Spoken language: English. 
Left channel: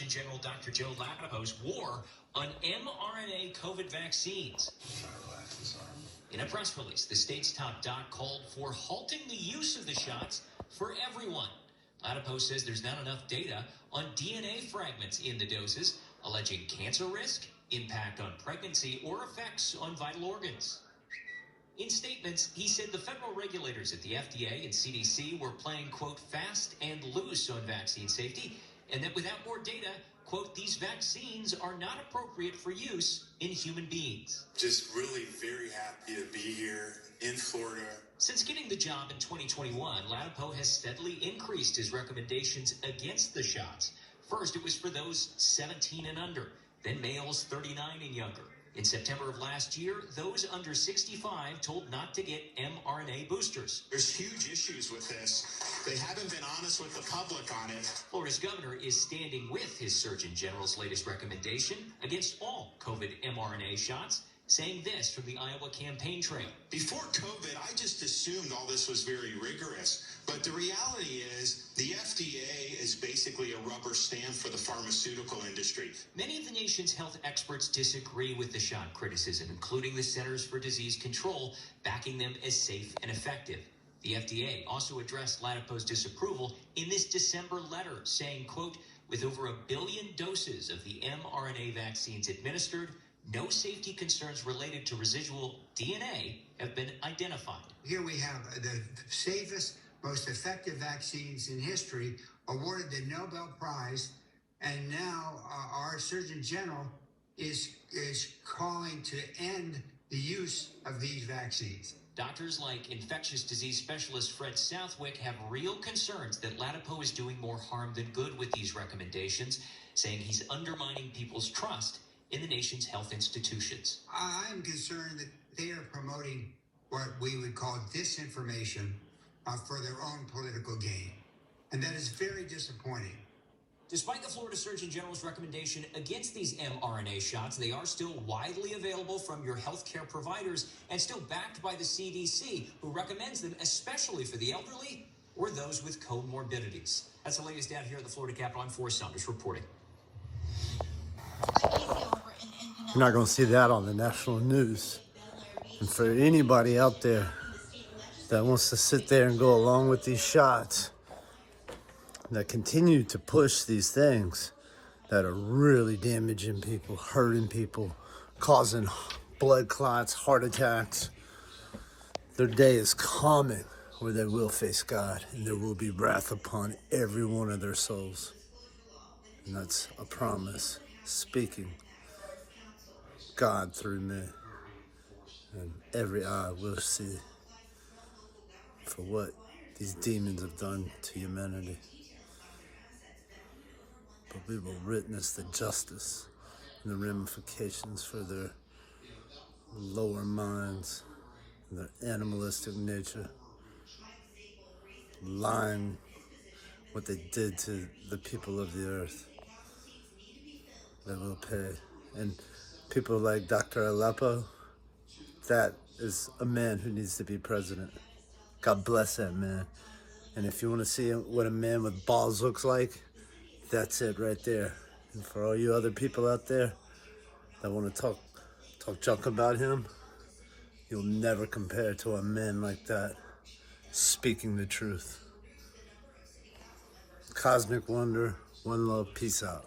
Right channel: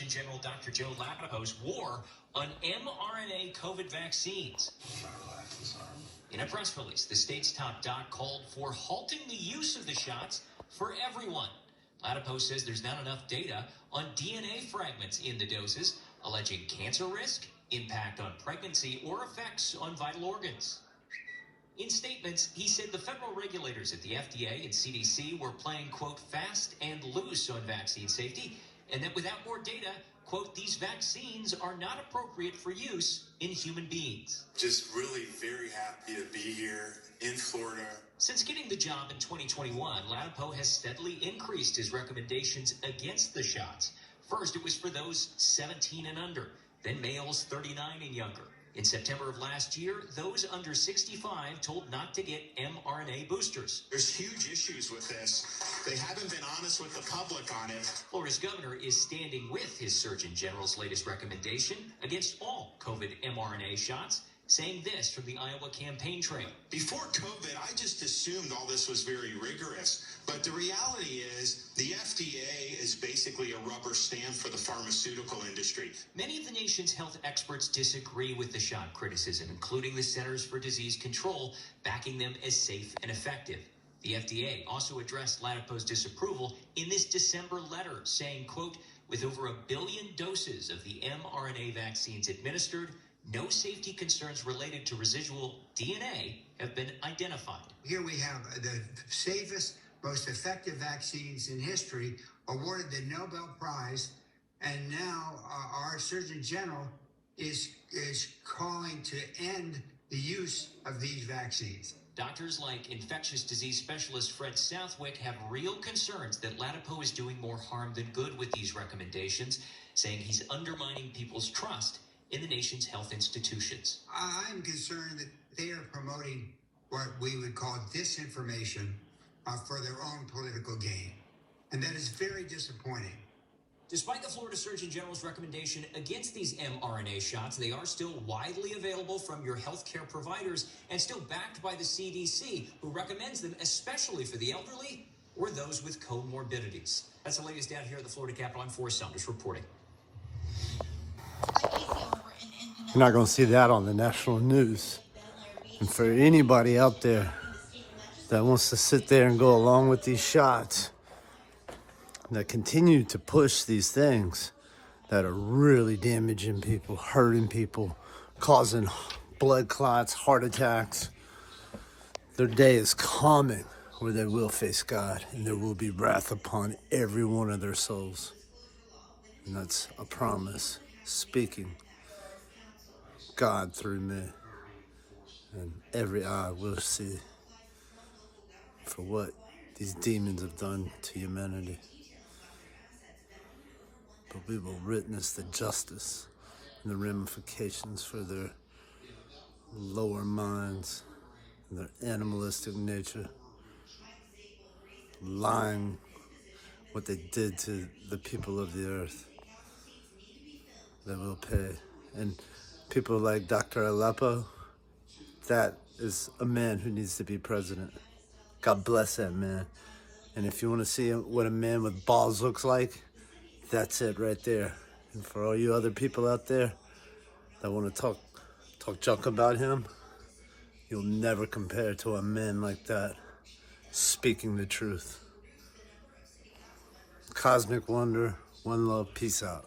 Surgeon General Dr. Joe Ladapo's war on mRNA COVID vaccines. In a press release, the state's top doc called for halting the use of the shots for everyone. Ladapo says there's not enough data on DNA fragments in the doses, alleging cancer risk, impact on pregnancy, or effects on vital organs. In statements, he said the federal regulators at the FDA and CDC were playing, quote, fast and loose on vaccine safety, and that without more data, quote, these vaccines are not appropriate for use in human beings. Just really very happy to be here in Florida. Since getting the job in 2021, Ladapo has steadily increased his recommendations against the shots. First, it was for those 17 and under, then males 39 and younger. In September of last year, those under 65 told not to get mRNA boosters. There's huge issues with this. They haven't been honest with the public on it. Florida's governor is standing with his Surgeon General's latest recommendation against all COVID mRNA shots, saying this from the Iowa campaign trail. Before COVID, I just assumed all this was very rigorous. But the reality is the FDA is basically a rubber stamp for the pharmaceutical industry. Many of the nation's health experts disagree with the shot criticism, including the Centers for Disease Control, backing them as safe and effective. The FDA also addressed Ladapo's disapproval in this December letter, saying, quote, with over 1 billion doses of the mRNA vaccines administered, no safety concerns related to residual DNA have been identified. Here we have the safest, most effective vaccines in history awarded the Nobel Prize, and now our Surgeon General is calling to end the use of these vaccines. Doctors like infectious disease specialist Fred Southwick have real concerns that Ladapo is doing more harm than good with these recommendations, saying he's undermining people's trust in the nation's health institutions. I'm concerned that they are promoting what we would call disinformation for their own political gain. And that is very disappointing. Despite the Florida Surgeon General's recommendation against these mRNA shots, they are still widely available from your healthcare providers and still backed by the CDC, who recommends them especially for the elderly or those with comorbidities. That's the latest down here at the Florida Capitol. I'm Forrest Saunders reporting. You're not going to see that on the national news. And for anybody out there that wants to sit there and go along with these shots, that continue to push these things that are really damaging people, hurting people, causing blood clots, heart attacks, their day is coming where they will face God, and there will be wrath upon every one of their souls. And that's a promise, speaking God through me, and every eye will see for what these demons have done to humanity. But we will witness the justice and the ramifications for their lower minds and their animalistic nature, lying what they did to the people of the earth. They will pay. And people like Dr. Ladapo, that is a man who needs to be president. God bless that man. And if you want to see what a man with balls looks like, that's it right there. And for all you other people out there that want to talk junk about him, you'll never compare to a man like that, speaking the truth. Cosmic Wonder, one love, peace out.